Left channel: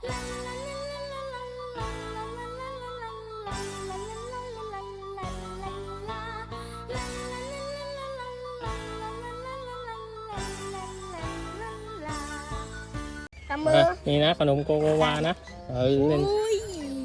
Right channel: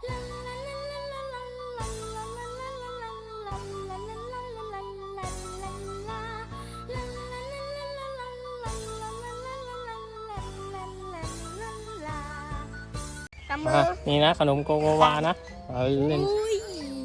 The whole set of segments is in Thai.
ทำมืออะนี่นะขนมโกโกวานะเอาเล่น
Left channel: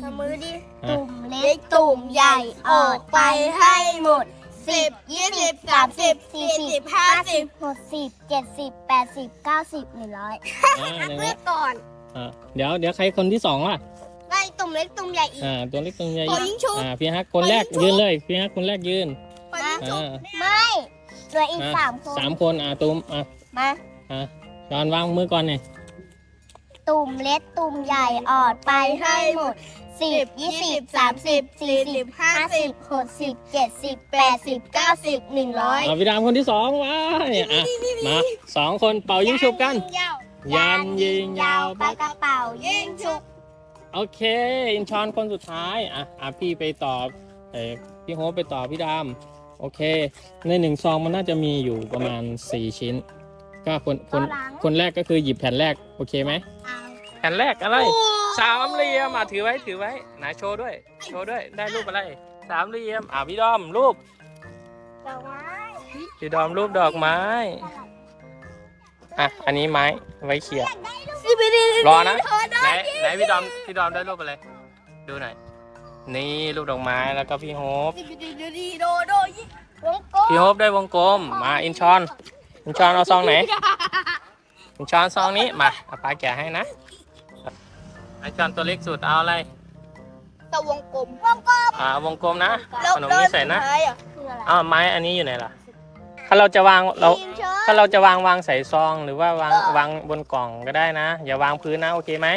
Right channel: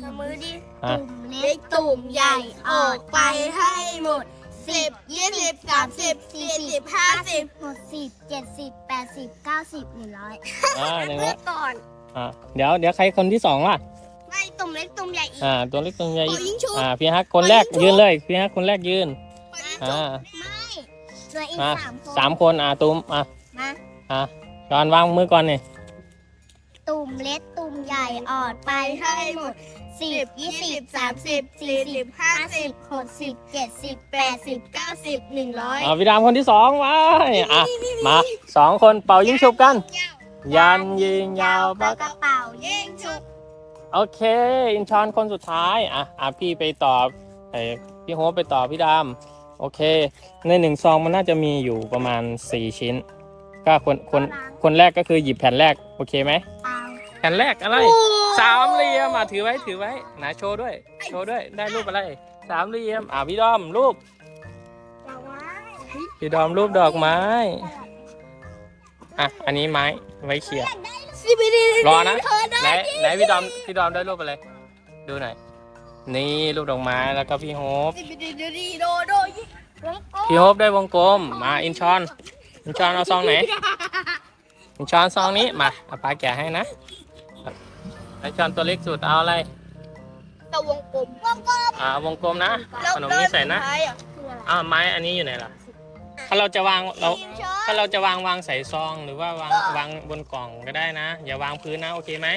ทำมือดิอะ ตุ่มเล็กตุ่มใหญ่ออกไปให้หมดสิบยี่สิบสามสิบสี่สิบห้าสิบหกสิบเจ็ดสิบแปดสิบเก้าสิบหนึ่งร้อยอ่าอย่างเลืนี้อกก่อน อ่าเดี๋ยวเดี๋ยวใครคนที่สองล่ะ ได้ตุ่มเล็กตุ่มใหญ่อีกอ่า ตัวเล็กตัวใหญ่ขอยิงชุบ อ่าพี่ฮักคนแรกขอยิงชุบยืนเลยพี่ฮักคนแรกยืนไปยิงชุบ อ่า ไม่เหลืออีกอะ สามคน สามคนอ่าตุ้มอะมา อะจอนวางมือก่อนนี่ตุ่มเล็กตุ่มใหญ่ออดไปให้หมดสิบยี่สิบสามสิบสี่สิบห้าสิบหกสิบเจ็ดสิบแปดสิบเก้าสิบหนึ่งร้อยอ่าพี่ดามคนที่สองไว้อะมาสองคนเป่ายิงฉุบกัน ยันยิงยาวปากกระเป๋ายิงฉุบโอเค อินชอนคนสุดท้าย อะอะพี่ไปตอบไอ้พี่โฮปไปตอบพี่ดามโอเค ในหนึ่งซองมันน่าจะมีอยู่ประมาณ 4 ชิ้น ก็คนคนคนแรกก็คือหยิบแผ่นแรก โอเคไหม เอาแผ่นแรกอะไร สามเหลี่ยมอะถือไว้ถือไว้ไหนโชว์ด้วย โชว์ด้วยได้รูปอะไร สามเหลี่ยมอะพี่ดอมรูปดอกไม้พี่ดอมรูปดอกไม้ อะ อันนี้ไม้ไว้เขี่ยสิบดีรอนะไหนไหนพี่ดอมพี่ดอมได้รูปอะไร ดูหน่อย นี่รูปดอกไม้แล้วก็พี่โฮปสิบดีดีดีโดโดยิงวงกลมพี่โฮปได้วงกลม มาอินชอน อินชอนเอาซองไหน อินชอนซองนี้ มาเอาปลาแกะให้นะอินชอนตัวเล็กสุดเอาอะไรแต่วงกลม วงกลม อ่าวงกลมนะ ขนมนี้ใส่นะคืออะไรอ้าวไม้อันนี้อยู่ไหนล่ะ ถ้าเราจะวางเรายิงเชิญถ้าเราจะวางวางใส่ซองหรือว่าวางวางบนกล่องก็ได้นะ อย่าวางพื้นนะโอเคไหม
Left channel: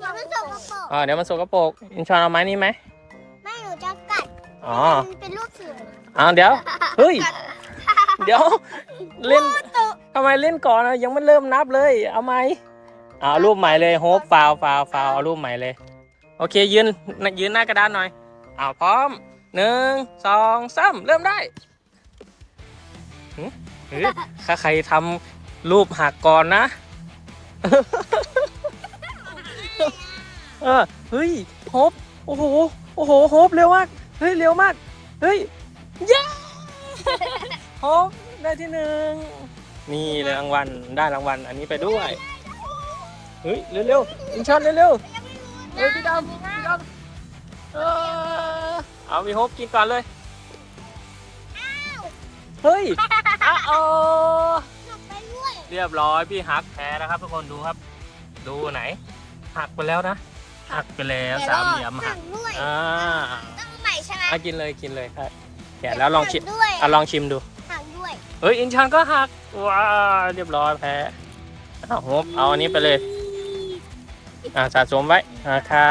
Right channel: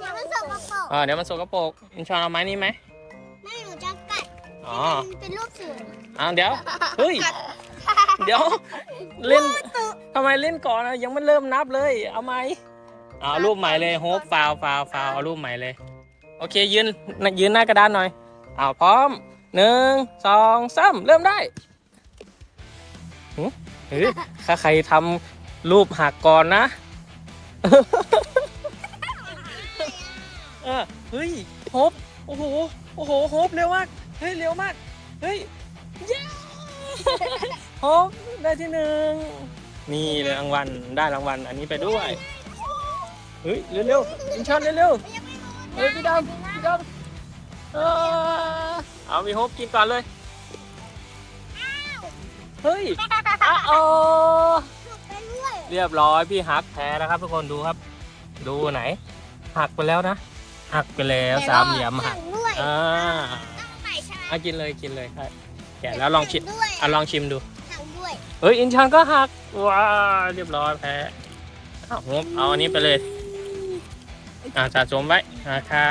อย่ามันส่งกระเป๋าอ่าเดี๋ยวมันสกปรกอินชอนเอาไม้นี้ไหมไม่หนูจะกัดอ๋อมันเป็นรูปเสืออ้าวเดี๋ยวเฮ้ยเดี๋ยวเล่นทำไมเล่นก่อนอะยังไม่เริ่มนับเลย เอาไหมเอารูปใหม่เลยโฮปฟาวฟาวฟาวเอารูปใหม่เลย โอเคยืนยืนหน้ากระดานหน่อยเอาพร้อมหนึ่งสองสามเริ่มได้หึ เฮ้ยถ้าใครทำรูปหักก่อนนะ เออ เฮ้ยโฮปโอ้โห โอ้โหโฮปเร็วมาก เฮ้ย เร็วมาก เฮ้ยเย้โฮปได้ที่หนึ่งนี่เลยรางวัล ได้รางวัล อันนี้ไปด้วย เฮ้ย เร็วๆอินชอนเร็วๆเฮ้ย พี่ดำพี่ดำเออเอามีโฮปกินก่อนเลย เฮ้ย อะโอเรียบร้อยพี่ฮักแพ้นะครับทุกคนดูครับ ดูไหน หักไปแล้วนะ หักไปแล้วสามเหลี่ยมหักด้วยอ่าใหม่ใช่ไหมอะกินเลยกินเลยครับแกะแล้วลองชิมด้วยอะลองชิมดู หักด้วยเฮ้ยอินชอนก็หักว้าเรียบร้อยแพ้อ้าวโฮปเอาอันนี้ไปเลย อ่าสะสมไว้อ่าค่ะ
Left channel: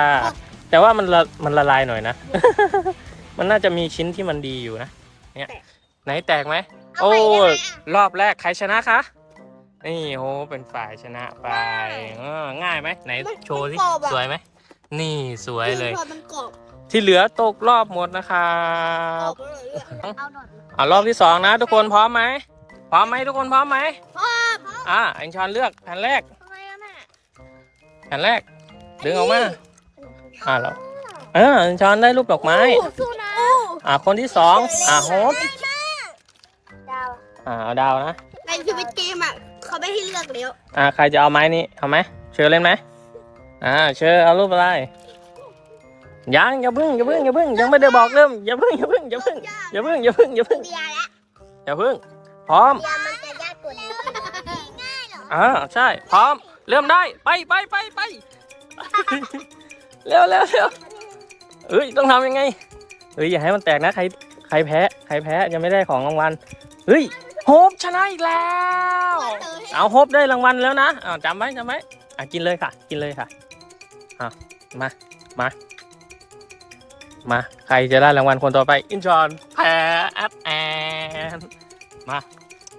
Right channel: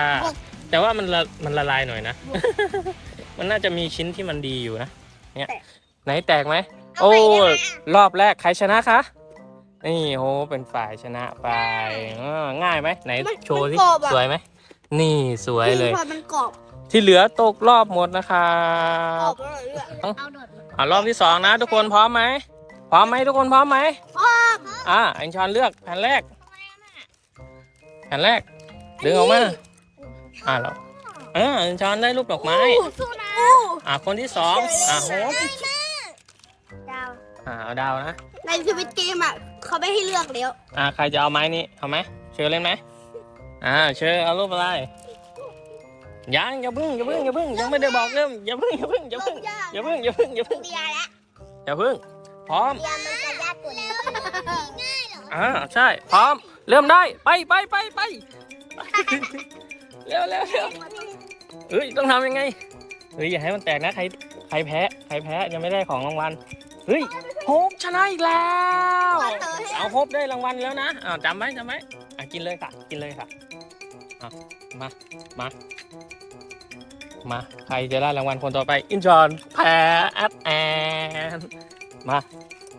แต่ว่ามันละมันละลายหน่อยนะ มันน่าจะมีชิ้นที่มันดีอยู่นะเนี่ยไหนแตกไหม โอ้รอบแรกใครชนะคะ นี่โหเป็นฝ่ายชนะไปอ่าง่ายไหมไหนโชว์สิสวยไหมนี่สวยเลยพอมันกรอบที่เหลือตกรอบหมดนะครักรอบบแล้วเหลือเอาหนอดอ่ารอบที่สองนะ ทุกคนพร้อมไหมพร้อมไหมทุกคนพร้อมไหมพ่ออ่าอินชอนเลือกแผ่นแรกทำไมอะแม่แผ่นแรก ดึงออกมาอ่าเราเอออินชอนได้รูปดอกไม้ สู้นะอ่าคนที่สองอ่าโฮปดาวอ่าเอา ดาวนะ ในชีวิตเกมอะเขาไม่ให้เลือกแล้วอ่าใครจะเอาไม้นี้เอาไหมเชิญเล่นไหมอ่าเชิญเอารูปอะไรยังอย่าพึ่งอย่าพึ่งอย่าพึ่งยังไม่ได้บอกเริ่มอย่าพึ่งอย่าพึ่งอย่าพึ่งอย่าพึ่งอย่าพึ่งอย่าพึ่งเบียร์แล้วอย่าพึ่งพร้อมเบียร์มันจะยากกว่านี้ง่ายเหรออ่าใช่พร้อม เริ่มได้ไปไปไปไปเร็วเร็วเร็วเอ้ยต้องทำยังไงเอ้ยอย่าให้มันแตกนะใครใครแพ้ใครแพ้ยังไม่ได้ของรางวัลเฮ้ย โฮปชนะอีกแล้วเอาโฮปได้รางวัลแล้วนะอ่าจำไว้จำไว้อะกินเลยค่ะ กินเลยค่ะอะมา มา มา ใครจะได้รางวัลคนต่อไป อินจอนแพ้แอดแอนมา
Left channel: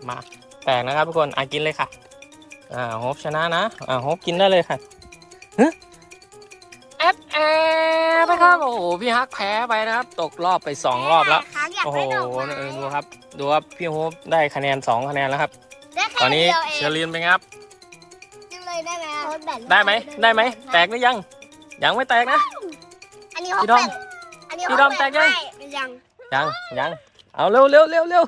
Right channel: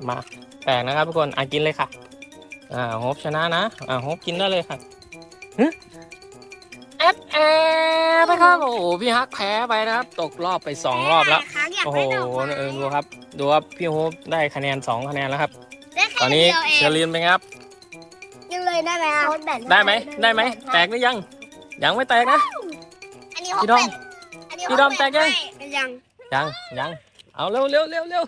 มาแตกนะครับทุกคนอะกินเลยค่ะ อ่าโฮปชนะนะ อ่าโฮปกินได้เลยค่ะฮะแอดแอดนะครับ โอ้โหพี่ฮักแพ้ไปนะครับ ตกรอบไปสองรอบแล้ว โอ้โหเออดูครับ ดูครับพี่โฮปได้คะแนนสองคะแนนแล้วครับ ตอนนี้เชอรีนเป็นไงครับหนูนเลยได้ไหมอะได้ไหมได้ไหม แตกหรือยัง ยังไม่แตกนะ อันนี้พี่ดอมอันนี้พี่ดอมแตกยัง ยังยังยังเอาเร็วเร็วเร็วเร็ว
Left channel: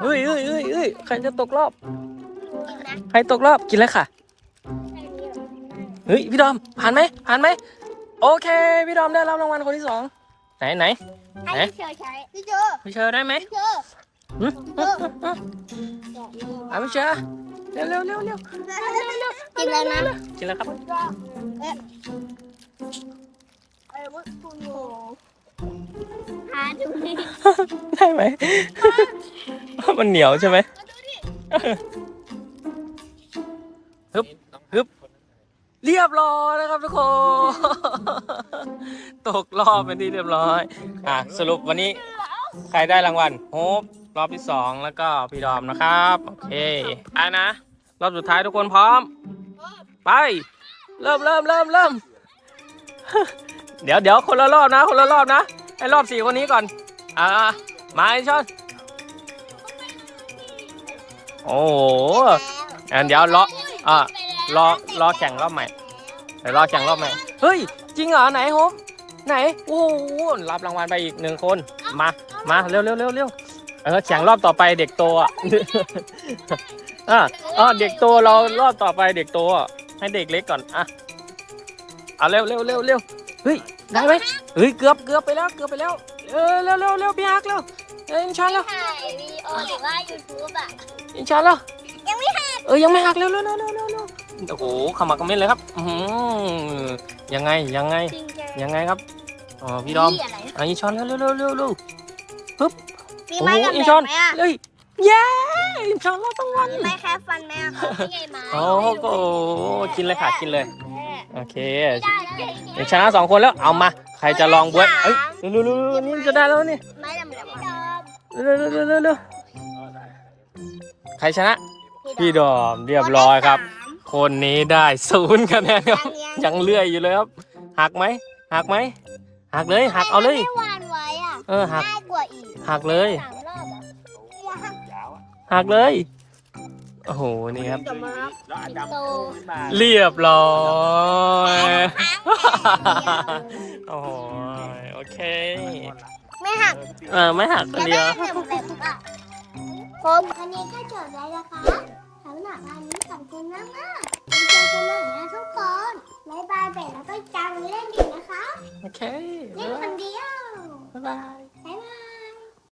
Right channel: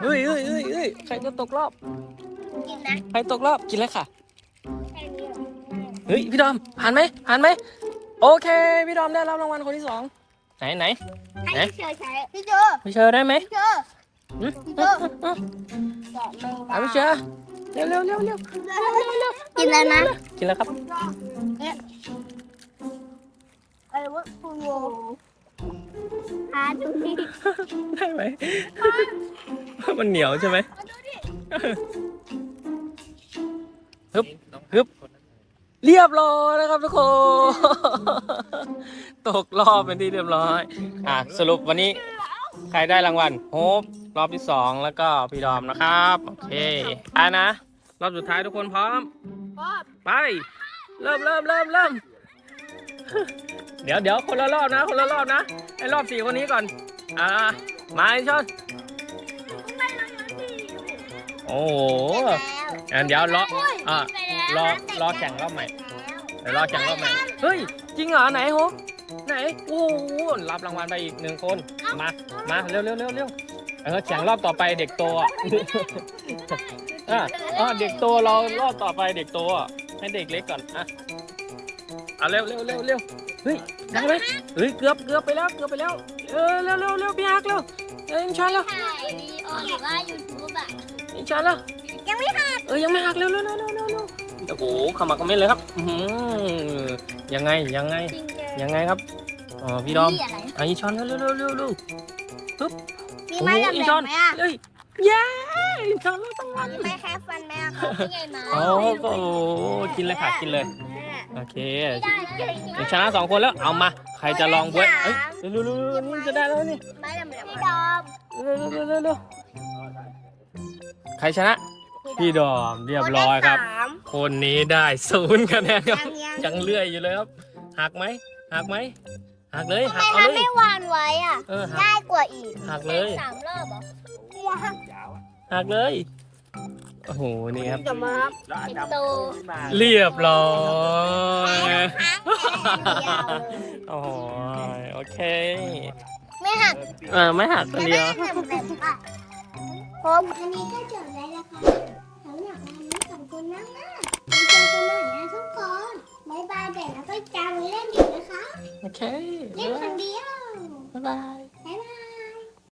เฮ้ยเฮ้ยเฮ้ยเฮ้ยใครจะตกรอบกินนะใครตกรอบกินเลยค่ะ เฮ้ยพี่ดอมผ่านไหมผ่านไหม โอเค พี่ดอมได้รับรางวัลคนที่สอง ไหนไหนอันนี้เชอใช้พี่เจอพี่เชอร์ได้ไหมพี่เจอหึหึหึหึเอาพี่เชอร์เร็วเร็วเร็วเร็วกินแล้วนะกินแล้วครับ อะไรวะคุณโวหาดูดิได้ไหม มันเหนียวใช่ไหม ฮึบฮึบ เรียบร้อยนะครับทุกคน ตกรอบเป็นที่เรียบร้อย อะสรุปวันนี้ใครได้รางวัลโฮปรอบที่สองแล้วก็พี่ดอมนะครับ โอเคไปนะ รอบสุดท้ายทุกคนพร้อม ไป เริ่มเริ่มเริ่มเริ่มเดี๋ยวเดี๋ยวคนละรอบนะ คนละรอบนะให้รอบสี่คนนี้ก่อน อ่ามาไอชอนโอ้โหอะเดี๋ยวรออะรอรอแข่งรอบใหม่เดี๋ยวรอแข่งรอบใหม่เฮ้ยจริงเหรอไหนโฮป ไหนโอ้โหรับรางวัลไปอีกหนึ่งคน มา มาเร็วเร็วเร็วเร็วเออแข่งรอบต่อไปเด็กโตอะอะอ๋อเด็กโตเรารอบต่อไปเด็กโตอะให้เด็กเล็กก่อนอะเอาเร็วเร็วเร็วเร็วเฮ้ยได้ไหมเฮ้ยเกือบเกือบไปแล้วเกือบไปแล้วเออเร็วเร็วเร็วพี่ฮักเร็วเอออินชอนเร็วถ่ายวีดีโอหรือว่ายูทูบอะอินชอนเร็วยังไม่หักเออยังไม่หักเร็วเร็วเร็วเร็วเร็วเร็วโอ้โหขมักกระเม็ดเลยครับอือหือยังไงยังไง ยังไงครับอ๋อพี่ดอมอะอินชอนเร็วเร็วเร็วเร็วเร็วมีโอ้ไม้โหกับอินแบชอนบไหมอะเฮ้ยเย้อินชอนเราต้องวันไม่แค่ฟันไหมอะนี่ไงมาโอ้โหกินเลยค่ะกินเลยโอเคชนะสองคนแล้วเอามาใครจะลองบวยเอ้ยเร็วเร็วเร็วนี่จะได้แล้วนี่ไม้ดำเหลืองดอมเร็วเร็วเร็วเร็วเร็วใครชนะ พี่ดอมเรียบร้อยครับ คนนี้ได้ศูนย์คะแนนครับยังเลื่อยอยู่เลยครับหักไหม หักไหมหักเลยหักเอาเลย ไม่วานไว้อะเออหักได้กว่าอีกหักเลยสามรอบอะหักเลยโอ้โหนี่ครับจบมาโตเรียบร้อย โอ้โหโอเคไม่หักเออไม่หักคนเดียว ผมอันนี้ก็จบแล้วนะคะสำหรับวันนี้ขอบคุณมากมากๆ เจอกันใหม่นะทุกคนบ๊ายบายเบรแล้วก็จำไว้เล่นดีนะคะ โอเคเล่นคนเดียวบ๊ายบาย บ๊ายบาย